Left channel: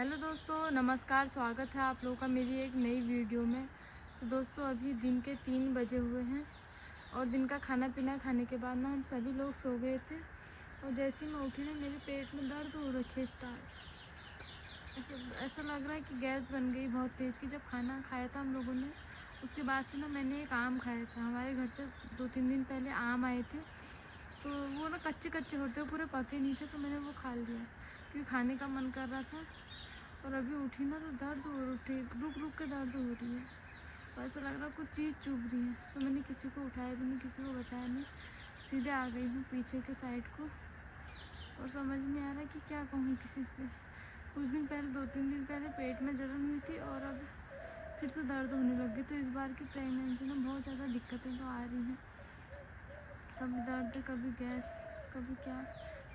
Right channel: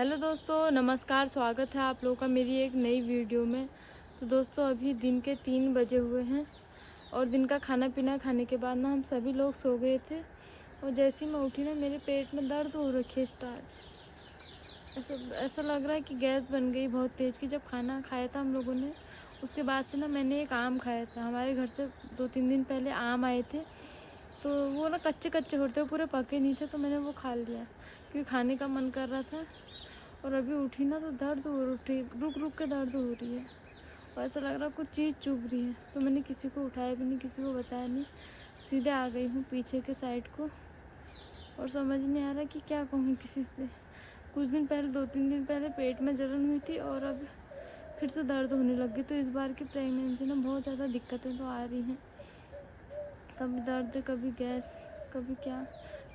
Hello दोस्तों, नमस्कार। स्वागत है आप लोगों का मेरी एक नई वीडियो में। तो दोस्तों, अभी दिन के 3 बजे हुए हैं और दिन का खाना पीना खाने के बाद ना हम सभी लोग सो गए थे। और जैसे ही मैं उठी ना, मेरे पेट में दर्द हो रखी है स्टार्ट। ऐसा लग रहा है कि गैस बन गई बहुत तेज़ की। जब खाना खाया था हम लोगों ने, उसके बाद से ना मैंने एक आम खाया था। हमारे घर से 2-3 दिन पहले आम आए थे, तो वो ना कच्चे कच्चे होते, पूरे पके नहीं थे, तो मैंने वो खा लिया क्योंकि खाने का मन कर रहा था। और अभी उठी ना तो दर्द हो उठी, रुक रुक के दर्द हो रही है और ऐसा लग रहा है कुछ चीज़ चुभ रही है। तो मैंने किसी को उठाया भी नहीं, किसी को बताया नहीं, सीधे आ गई हूँ पीछे के साइड को। और समझ नहीं आ रहा कि क्या कहूँ किसी से। कुछ दिन पहले, 2-3 दिन पहले पेट में जलन हुई थी और अब फिर से दर्द होने लग गई। तो इस बार की प्रेगनेंसी में बहुत ज़्यादा दिक्कतें तो आ रही हैं। कभी दर्द, कभी गैस, कभी क्या।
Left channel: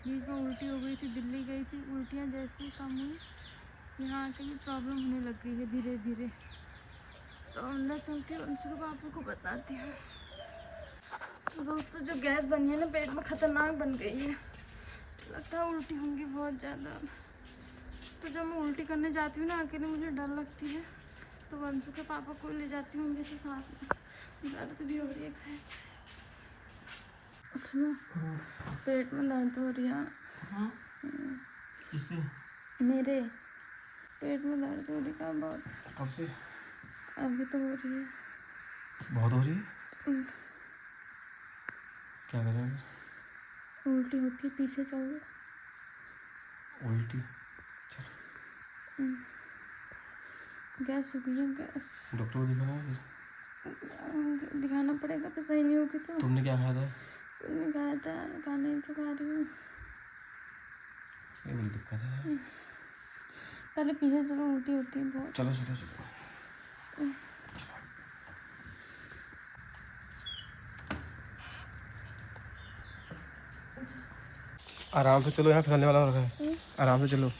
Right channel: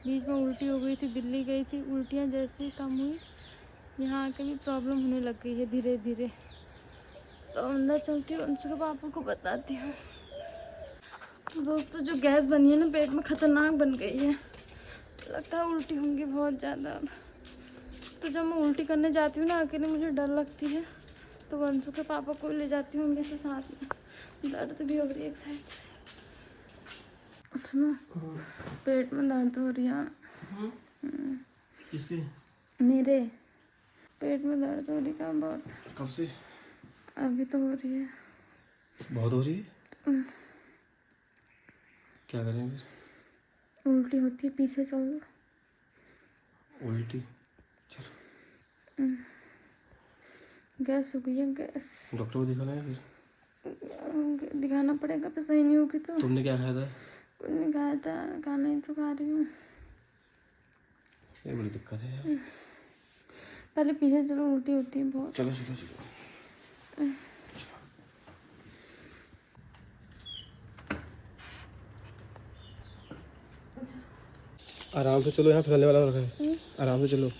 बीच में उल्टी हो गई थी, दिल्ली गई थी, उल्टियाँ जैसे ही कम हुई, यहाँ आके भी प्रॉब्लम होने लग गई है धीरे धीरे। तो अंदर चलती हूँ, उनसे पापा को बताती हूँ। तो दोस्तों, जो गैस बनी है ना पेट में, ख़तरनाक बन गई है। लगता है उल्टी होंगी बहुत ज़्यादा। तो जब मैं उल्टी करने जाती हूँ ना अकेले, मुझे डर लगती है, तो वंशु के पापा को ले जाती हूँ हमेशा साथ में। दर्द भी हो रही है एक साइड से। सुनो, पेट में दर्द हो रही है। किसके? मेरे पेट में दर्द हो रही है बहुत। कब से? अभी तो हो रही है। बहुत हो रही है? क्या कर रहे हैं? उल्टी होती है, पीछे चलो। उल्टी? गैस हो गई है, गैस। डॉक्टर को दिखाना है दिखाना पड़ेगा, फिर सही नहीं होगी तो। तुमने क्या खाया था? कुछ नहीं खाया था, खाना ही तो खा रही हूँ। ये बड़ी दिक्कत है। पहले पीछे चलो, उल्टी होती है बहुत। चलो चलो चलो। आराम से चलो, यहाँ फिसलने वाला रखा है। आराम से चलो।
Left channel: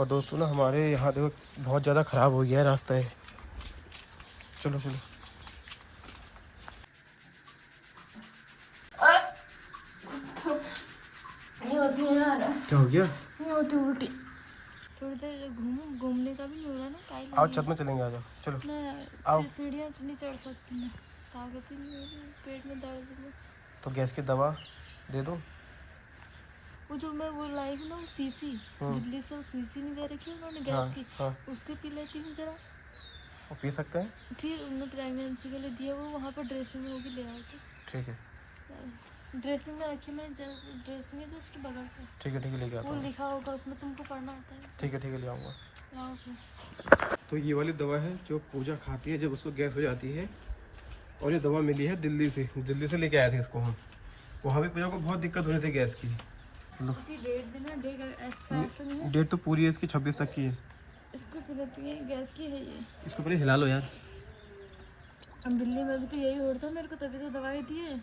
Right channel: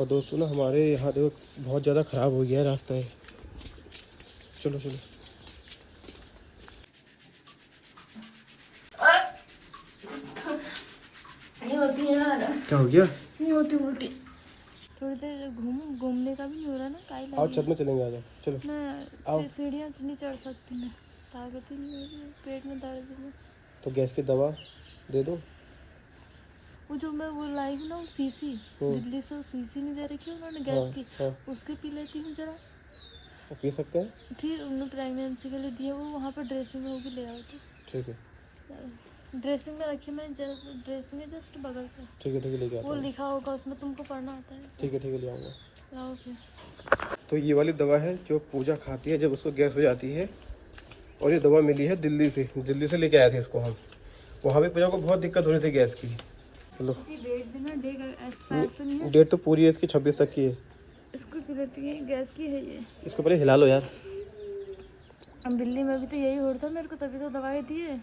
और दोस्तों ना, हमारे यहाँ देखो बहुत ज़्यादा ख़राब हो गया है रास्ता है। चलो चलो। नहीं होती है यार। क्या हो गया? नहीं होती उल्टी। थोड़ी देर घूमने का भी नहीं हो रहा ना, काई आओ छत में चलेंगे, आ जाओ चलो। आओ। मैं सीढ़ियाँ नहीं चढ़ सकती, मैं ताकत ही नहीं हो रही, पेट में दर्द है। तो गैस की दवा दे दो। वो जो मैं वो लाई हूँ ना, वो सीसी दिल्ली से, वो सीसी नहीं दे रखी उन्होंने गैस हाँ की। हाँ, उसके पी लेती हूँ जरा। वो पी सकते हैं। फिर उन्होंने प्रेगनेंसी के लिए दिया, वो वहाँ पर ड्रेसिंग में होगी, ले आओ तो। ठीक है ड्रेसिंग में रखी मैंने, ड्रेसिंग है जस्ट बगल पे। ठीक है ठीक है, लेके आता वो हूँ। लिखा होगा उसमें, तुमको पढ़ना आता है। ठीक है ठीक है, ले आऊँगा। लाओ फिर। तो ये वाली दवा है जो पूजा खाती है जब उसको गैस हो जाती है। और ये दवा मिली है दिल्ली से लेके आए थे इसको हम। वहाँ भी पूजा को बहुत दिक्कत हो रही थी गैस की। चलो। डेट भी ना, एक्सपायर तो नहीं है। डेट तो पूरी है इसकी, 26 तक की है। इसको पी लेती है, गैस की है ये। इसको पहले हिला लो यार। अब दिल्ली में भी तो यही हो रहा था मेरे को, तभी तो दवाई दी है।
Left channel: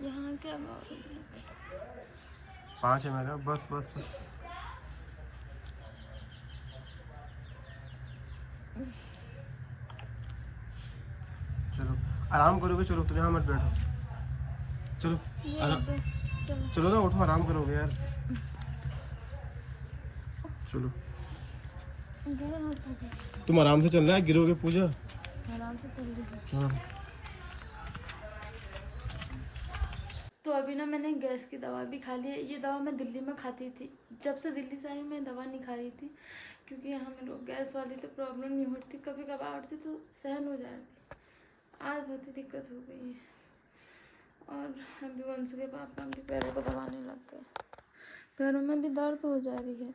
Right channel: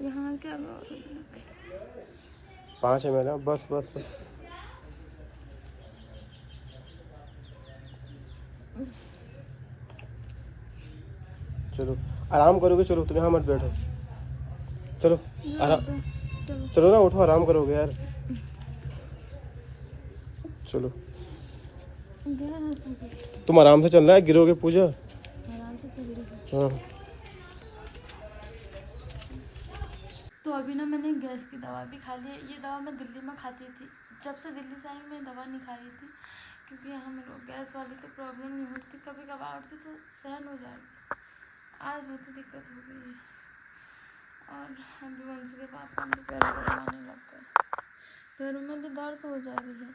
यहाँ क्या 5 ml है, बस बस बस। चलो आराम करोगे, चलो तुम यहाँ मत बैठो। चलो आराम, चलो ना, उठो, आराम करोगे यार। चलो तुम आराम से चलना है, गिरोगे पूजा। आराम से चल रही। हाँ। तो अभी ना मैंने गैस की दवा भी खा ली है। ये दवा मैं दिल्ली में खाती थी, जब से दिल्ली से आई हूँ मैं दवा नहीं खा रही थी, क्योंकि यहाँ मेरे को गैस वाली तो प्रॉब्लम नहीं होती, कभी कभार होती तो सहन हो जाए। आज बहुत ही दिक्कत हो गई है। और अभी वंश के पापा उनके पैरों को दबाने लग गए, पैरों में भी दर्द हो जा रही है।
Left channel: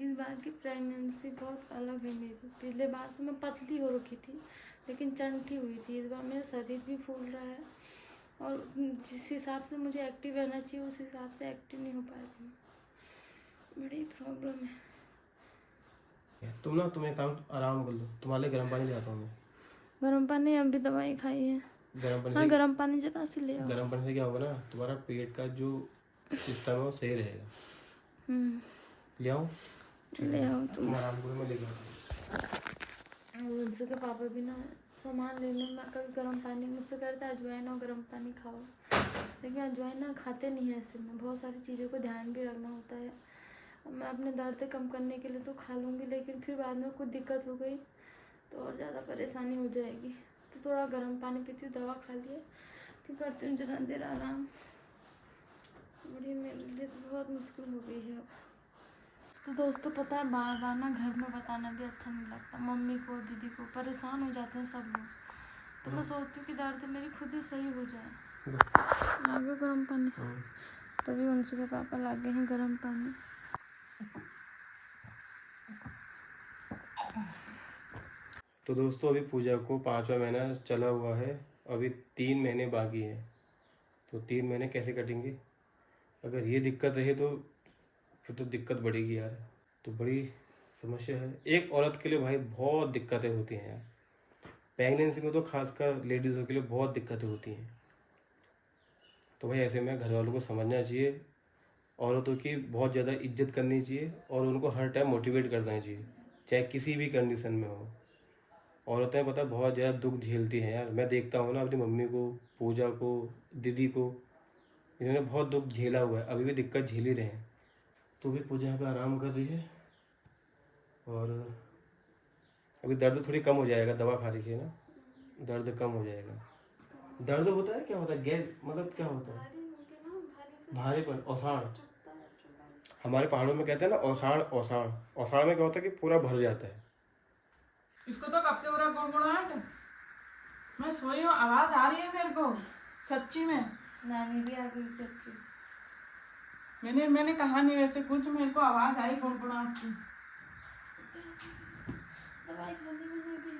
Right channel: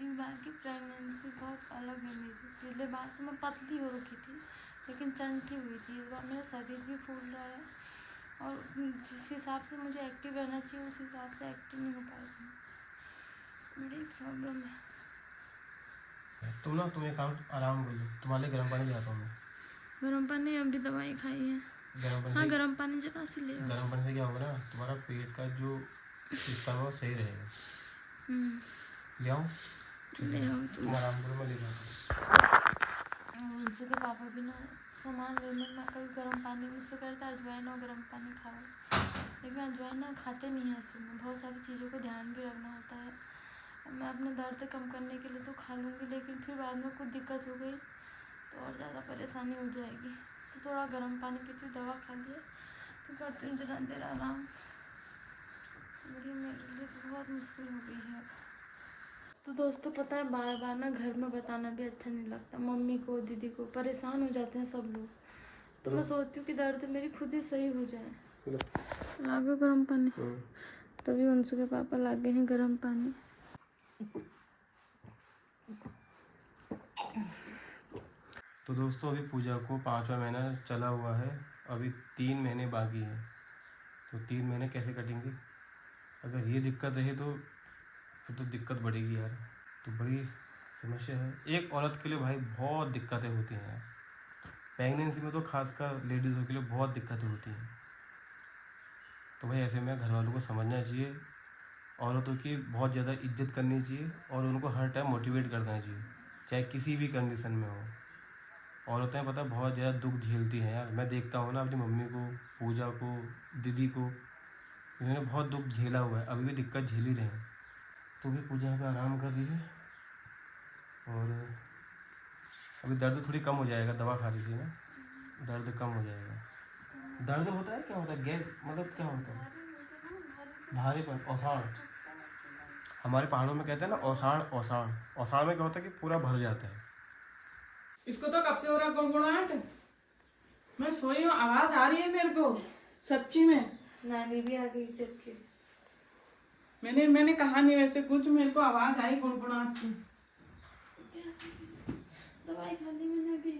इस बार की प्रेगनेंसी बहुत अलग है मेरी। पिछले बार तो मैं पतली हो रखी थी, लेकिन चंठी हुई थी। इस बार मेरा शरीर भी फूल रहा है और जिस हिसाब से मुझे एक्टिव रहना चाहिए उस हिसाब से एक्टिव नहीं हो पा रही हूँ। बड़ी प्रॉब्लम है। तुम एक काम, आराम कर लो, तुम्हारे लिए गर्म पानी ले आता हूँ मैं। गर्म पानी? अभी दवाई खाई है। गर्म पानी हाँ, से, गर्म पानी जरा से ले आओ। गर्म पानी से क्या होगा ना, तुम्हारा पेट का जो सिस्टम है वो सही रहेगा। ले आऊँ? ले आओ तुम। लेके आता हूँ। वंशु के पापा भी ना सामान लेने में कभी गर्म पानी मुझसे करता है, अजवाइन और गर्म पानी खाओ, लेकिन अजवाइन ना खाते नहीं है। इसमें बहुत सारी चीज़ों को ध्यान भी रखना होता है, अपने दर्द कम करने के लिए तो खा लूँगी, लेकिन फिर बाद में कुछ दिक्कत हो गई तो और ज़्यादा परेशानी हो जाएगी। तो थोड़ा गर्म पानी पीती हूँ, दवा खा लिए, फिर करती हूँ जरा देर आराम। मेरे लिए तो बहुत मुश्किल हो गई है। तो दोस्तों पता है, बार बार ना घर में बताना भी अच्छा नहीं लगता, मम्मी को दीदी को, परेशान हो जाते हैं सब लोग। तो मैं सोचती हूँ कि दर्द मेरी खुद ही सही हो जाए। लागे गर्म पानी, तभी उनसे के पापा लागे हैं गर्म पानी। तो दोस्तों अभी पूजा को 5वां महीना चला हुआ है, अभी 3 महीने बाकी है। तो 3 महीने कैसे कटेंगे? अगर ये दिक्कत रही तो फिर तो दिक्कत बढ़ेगी यार। तो बड़ी समस्या है एक औरत के लिए भाई, बहुत दिक्कतें होती हैं यार। प्रेगनेंसी में तो खासकर लेडीज़ों के लिए बहुत दिक्कतें होती हैं। तो भाई ऐसे में घर वालों को समझना चाहिए, औरतों की बहुत ज़्यादा इज्जत करनी चाहिए और उनको हर टाइम मोटिवेट करना चाहिए, चाहे किसी भी कंडीशन में हो। औरतें पता बहुत ज़्यादा दुख झेलती हैं यार। मैं देखता हूँ ना अपनी मम्मी को, पूजा को, दीदी को, इन्होंने बहुत दुख झेला हुआ है, अभी भी दिक्कत झेल ही रहे हैं। तो भी पूजा यहाँ पे आराम कर रही है और अभी दर्द थोड़ी कम हो जाएगा, दवा खा लीजिए ना, दर्द कम हो जाएगा। दर्द होता है, क्या होता है, गैस मतलब क्या होता है? भारीपन, औसाड़। हमारे पहाड़ों में कहते हैं ना औसाड़। औसाड़ औसाड़ में क्या होता है कि पूरा भर जाता है। इसको तो कब से हो रहा है गुड़गुड़ाहट? मैं सोई हूँ, आवाज आ रही है मेरे को सच्ची में। नानी भी आ गई चच्ची। मैंने कहा नहीं वैसे कुछ, मेरे को आवाज आई गुड़गुड़ाहट की। दवाई खाने मैंने अभी।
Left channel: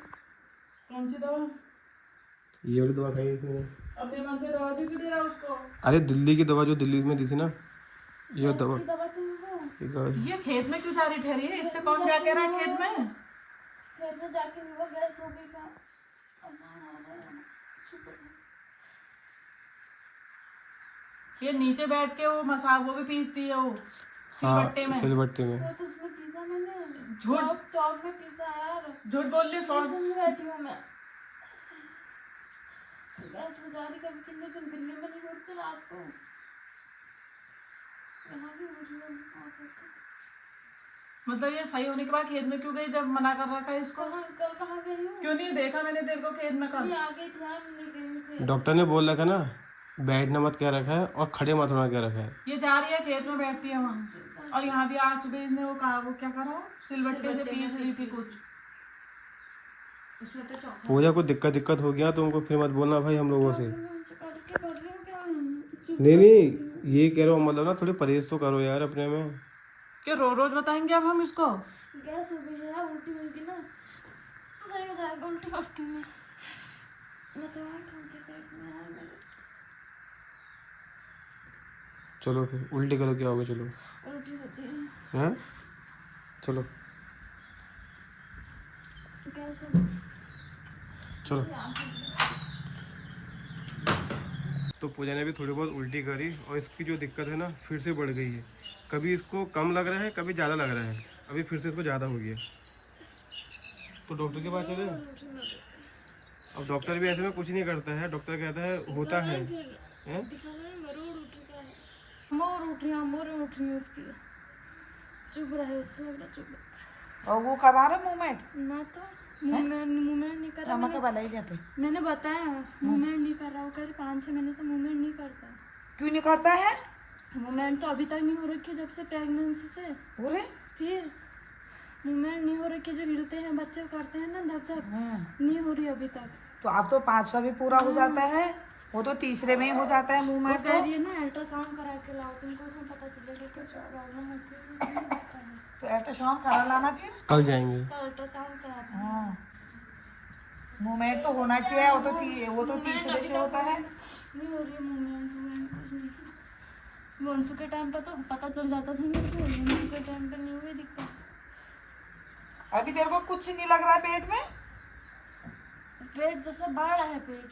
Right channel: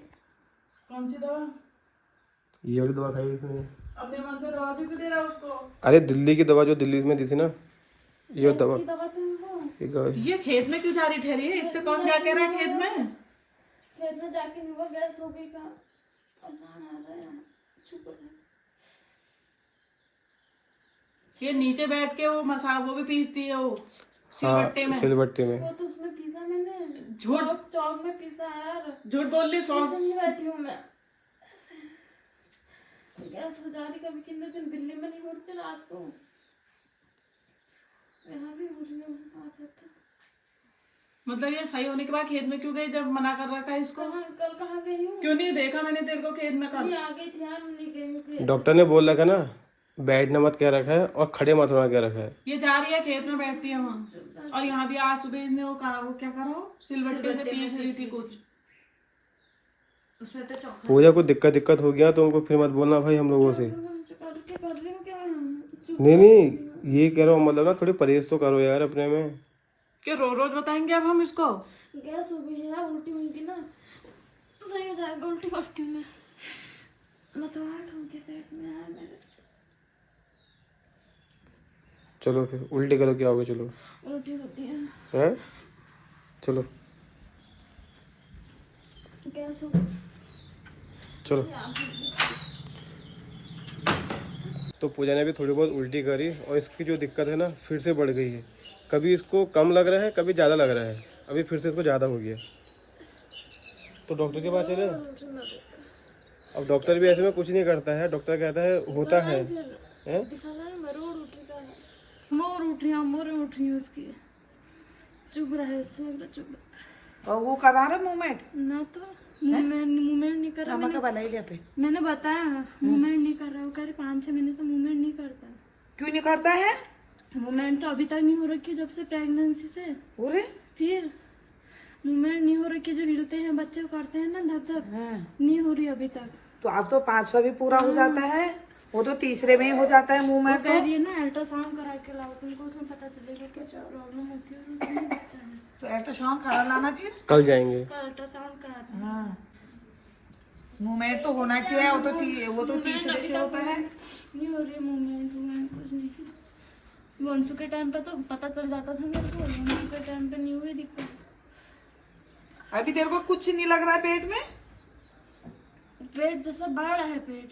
कौन सी दवा? ये वाली दवा खाई इसने। अपने मन से दवा भी दे रहा उसको। अरे दिल्ली की दवा, जो दिल्ली में दी थी ना, ये दवा। ये खेत में क्यों जा रही ठहरी है? इससे कौन जा कह रहा है खेत में? खेत में जाके वो गैस हो गई था, आसान आ रहा है। ये नीचे बैठ के वो वो भी पीसती है वो सिलबट्टे में। सिलबट्टे में। वो तो उसमें पीसा मैंने, झूठ चौक में पीसा यार। झूठ बोल रही। सॉस में बैठी हूँ मैं, गैस हो जा रही। कभी कितने दिन दिल्ली में नहीं उठते रात को, यहाँ भी हो रही है। मतलब ये सही होने के बाद खेत में क्यों गई जब मना कर रहा था इसको? कल कहाँ गई हूँ? क्यों नहीं देखा मैंने तेरे को खेत में? कल आ गई थी यार, नहीं गई। डॉक्टर ने बोल रखा ना, बैठना मत कह रखा है और खड़े मत होना कह रखा है। ये जा रही है खेत में, बैठती है वहाँ। और यहाँ भी आज सुबह इसने वो कहा, वो क्या करा, सिलबट्टे से पीस रही थी कुछ। उसमें तो पूजा को दिक्कत हो गया तो उनको फिर मत बोलना भाई हम लोगों से। नहीं, ये कह रहा हूँ, मतलब ना थोड़ी परहेज तो करो यार अपने में। कि रोज बताएंगे अब हम इसको? गैस हो गई है, उल्टी होगी ना, सही हो जाएगा। उल्टी करती हूँ मैं तो हार्ट हो गया पेट में यार मेरे। चलो फिर उल्टी करो, क्या होगा? चलो उल्टी होती है, हैं? चलो गैस हो गई। चलो। तो पूजा ने भी थोड़ी बहुत उल्टी करी और इसकी जो दिक्कत है ना फिर से बढ़ गई है। कभी इसको कम लग रहा है, कभी ज़्यादा लग रहा है, अभी फिर से इसको ज़्यादा हो गया। तो डॉक्टर के पास चले। अब डॉक्टर भी ऐसे में कुछ नहीं करता है, डॉक्टर कहता है होता है। मोर उठ रही है उसकी, चुभ रहा है इसमें, चुभ। तो वो करा रहे मूवमेंट ना तो मूवमेंट नहीं कर रहा। मैंने बताया मूवमेंट नहीं कर रहा। वो कह रहे 5-6 महीने से मूवमेंट नहीं करता। क्यों नहीं करता है? मूवमेंट तो अभी तक नहीं हो रखी जब से प्रेगनेंसी से। बोले फिर मूवमेंट नहीं हो रखी, जो हिलते हैं बच्चे करते हैं ना धप नहीं हो रही अभी तक। तो अब तो 5वां भी पूरा हो जाता है, वो तो तीसरे में हो जाता है मूवमेंट। कह रही है ना अल्ट्रासाउंड करा के लाओ, तुमको उसमें पता चलेगा कि जो प्रॉब्लम होती है उसमें होता है। तो अल्ट्रासाउंड करा लाना फिर। कल जाएंगे। अल्ट्रासाउंड करा। हाँ मूवमेंट तो होना चाहिए, वो तो तीसरे से होता है। नहीं हो रही मूवमेंट कुछ नहीं। वंशु के टाइम पर तो पता चल जाता था मेरे को, वंशु के टाइम पर नहीं हुई दिक्कत। अभी तेरे को कुछ नहीं लग रहा है पेट में? पेट जैसे बढ़ रहा है पेट।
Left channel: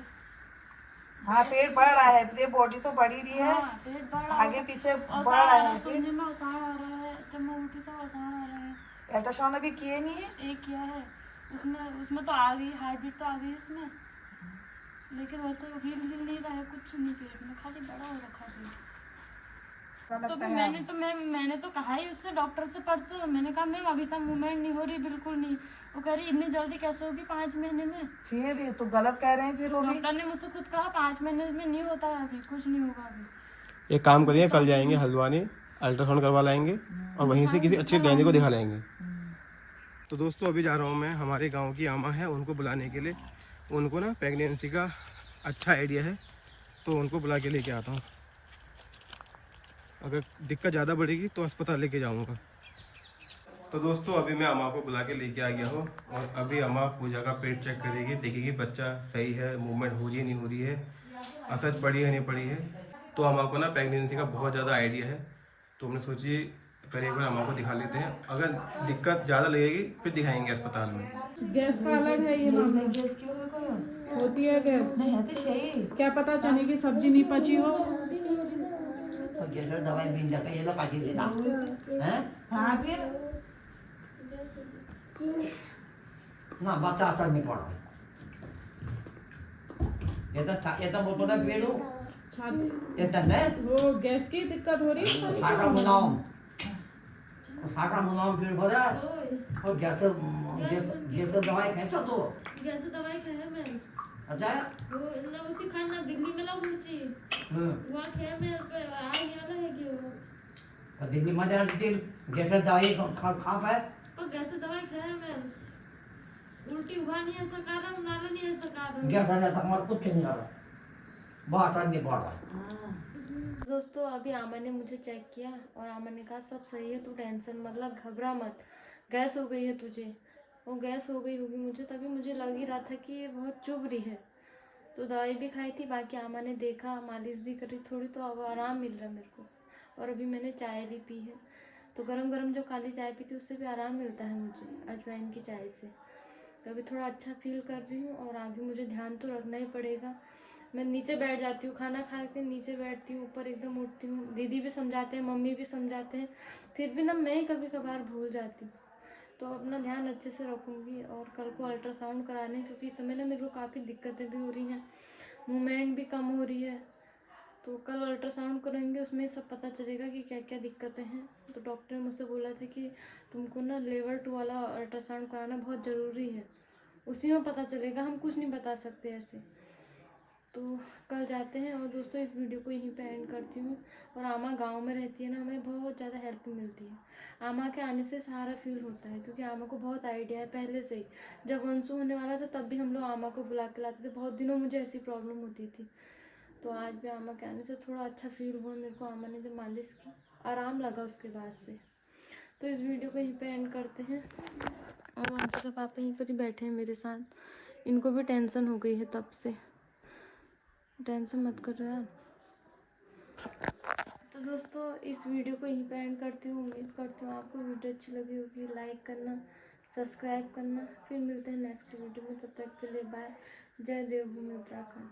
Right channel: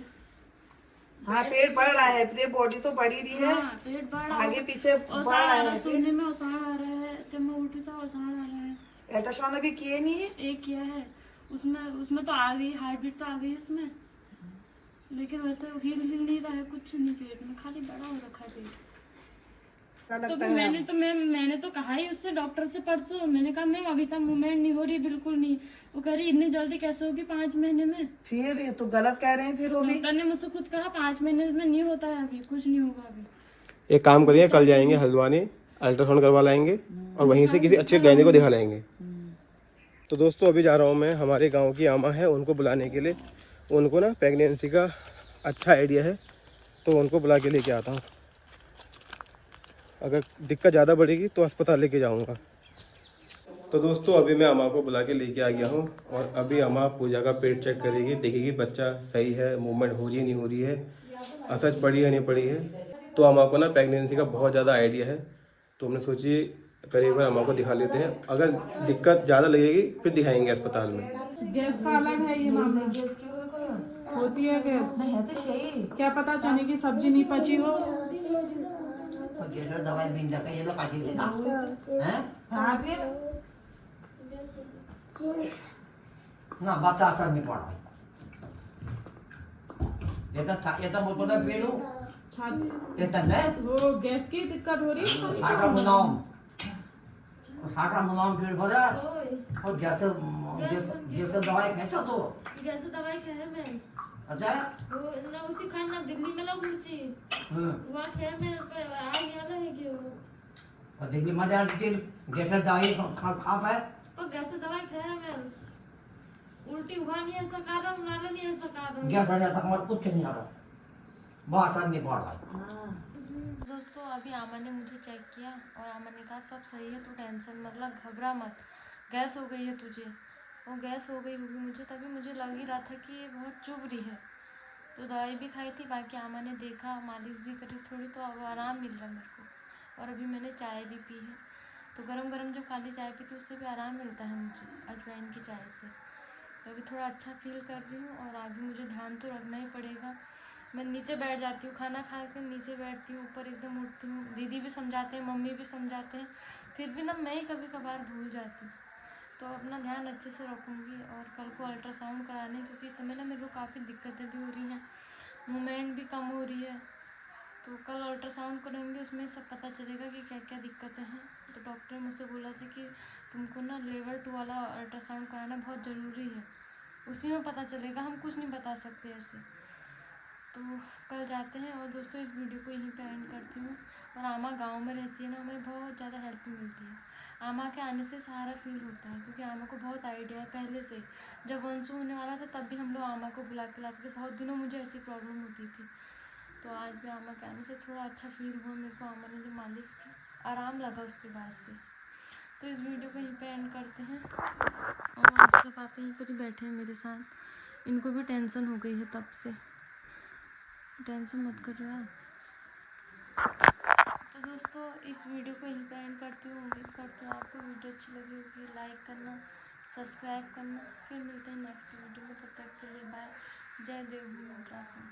हाँ पेट बढ़ रहा है, तेरी बॉडी तो बढ़ी रही है। हाँ, पेट बढ़ रहा है, आगे पीछे बढ़ ओसाड़ रहा आ रहा है। है, सुनने में ओसाड़ आ रहा है। जब मैं उठी तो ओसाड़ आ रहा है। अल्ट्रासाउंड अभी किए नहीं है? एक किया है, उसमें तो आ गई, हार्ट बीट तो आ गई उसमें, लेकिन वैसे हिल नहीं रहा है कुछ नहीं पेट में, खाली बड़ा हो रखा है पेट। तो फिर मैंने तो कहा ही उससे, डॉक्टर से परसों मैंने कहा मैम अभी तक मूवमेंट नहीं हो रही, बिल्कुल नहीं। वो कह रही इतनी जल्दी कैसे होगी 5 महीने में। फिर ये तो गलत कह रहे हैं। फिर वो भी डॉक्टर ने मुझसे खुद कहा 5 महीने में नहीं होता है, अभी कुछ नहीं होगा अभी। एक काम करिए, कल जाएंगे हल्द्वानी, अल्ट्रासाउंड करवा लाएंगे और वहीं से किसी अच्छे गायनी को दिखा लाएंगे। तो दोस्तों अभी जा रहा हूँ मैं, हमारे गांव की आमा है उनको बुलाने के लिए। उनको ना प्रेगनेंसी का अच्छा आइडिया है, तो उनको बुला के लेके आता हूँ। अगर दिक्कत ज़्यादा बढ़ेगी तो अस्पताल लेके जाऊँगा। तो दोस्तों अभी मैं अम्मा को बुला के लेके आ गया हूँ और अभी अम्मा पूजा का पेट चेक करेगी, देखेगी बच्चा सही है, मूवमेंट हो रही है नहीं हो रही है, असर पड़ी है नहीं पड़ी है। तो अम्मा को ना प्रेगनेंसी का बहुत ज़्यादा आइडिया है, तो हमने सोची पहले एक बार अम्मा को दिखा लेते हैं। अगर दिक्कत ज़्यादा लगेगी फिर दिखाएंगे अस्पताल में। गैस का अलग है ये मामला। गैस की होती है गैस। नहीं है तो सही। क्या पता चने की सब्जी नहीं पची हो। जैसे दवाई मिल जाता है ना पाजी देना हैं। हाँ फिर ना बच्चा असर नहीं पड़ रहा। ये तो बोतल है पेड़ो ये तो नहीं वो गैस की दिक्कत हो रही है। साटा मुलाम फिर भरा और जैसे जैसे दवाई खेचा तो जैसे दवाई खाया मैं, अच्छा वो ना उसी खाना दिल्ली में लग उड़ची वहाँ खाया मैं, आ गया है कि वो और दिल्ली में जा के जैसे दवाई खा पाए पर कैसे दवाई खाया मैं, उल्टी हुआ नहीं ऐसा कारण, नाला नहीं ऐसा कारण। गैस वाले तक हमारे कुछ नहीं आ रहा, बहुत नहीं पड़ रहा। दोस्तों अभी आमा ने मुझे चेक किया और आमा ने कहा सब सही है, तू टेंशन मतलब घबरा मत, गैस हो गई है तुझे। और गैस हो गई होगी मुझे, तभी मुझे लग ही रहा था कि ये बहुत चुभ रही है। तो दवाई भी खाई थी, बाकी आमा ने देखा, मालिश भी करी थोड़ी, तो अब आराम मिल रहा मेरे को। और अभी मैंने चाय भी पी है, तो गरम गरम जो काली चाय पी थी उससे भी आराम मिलता है मुझे, अजवाइन की चाय से। तो अभी थोड़ा अच्छा फील कर रही हूँ और आगे मुझे ध्यान तो रखना ही पड़ेगा। मैं नीचे बैठ जाती हूँ, खाना खा के नीचे बैठती हूँ, ऊपर एकदम उठती हूँ। दीदी भी समझाते हैं, मम्मी भी समझाते हैं, फिर भी ना मैं ही कभी कभार भूल जाती हूँ। तो अपना ध्यान अच्छे से रखूँगी और कल को अल्ट्रासाउंड कराने, क्योंकि इस समय ना मेरे को काफ़ी दिक्कतें भी हो रही हैं, मूवमेंट भी कम हो रही है। तो कल अल्ट्रासाउंड करेंगे, उसमें सब पता चलेगा कि क्या क्या दिक्कतें हैं। तो डॉक्टर ने मुझसे बोला था कि तुमको ना लेवल 2 वाला अल्ट्रासाउंड कराना बहुत ज़रूरी है, उसी में पता चलेगा, हम कुछ नहीं बता सकते ऐसे। तो कल जाते हैं। और दोस्तों इस वीडियो को यहीं पे एंड करती हूँ। और आमा गांव में रहती है ना, हमें बहुत ज़्यादा हेल्प मिलती है। आमा के आने से सहारा फील होता है, क्योंकि आमा को बहुत आइडिया है पहले से ही। जब वंशु होने वाला था तब भी हम लोग आमा को बुला के लाते थे, बहुत दिनों मुझे ऐसी प्रॉब्लम होती थी। तो आज भी आमा के आने से थोड़ा अच्छा फील हुआ मेरे को। आमा ने जो मालिश की आराम लगा उसके बाद से। तो इस वीडियो को यहीं पे एंड करते हैं। और वंशु के पापा यहीं पर ही बैठे हैं मेरे साथ, इनको भी टेंशन हो गई है तब से। टेंशन मत कर रहे आप। तो दोस्तों इस वीडियो को यहीं पे एंड करती हूँ। उम्मीद करती हूँ आपको वीडियो अच्छी लगी होगी। लाइक करना, सब्सक्राइब करना। फिर मिलते हैं नेक्स्ट वीडियो में, तब तक के लिए बाय। जय देवभूमि उत्तराखंड।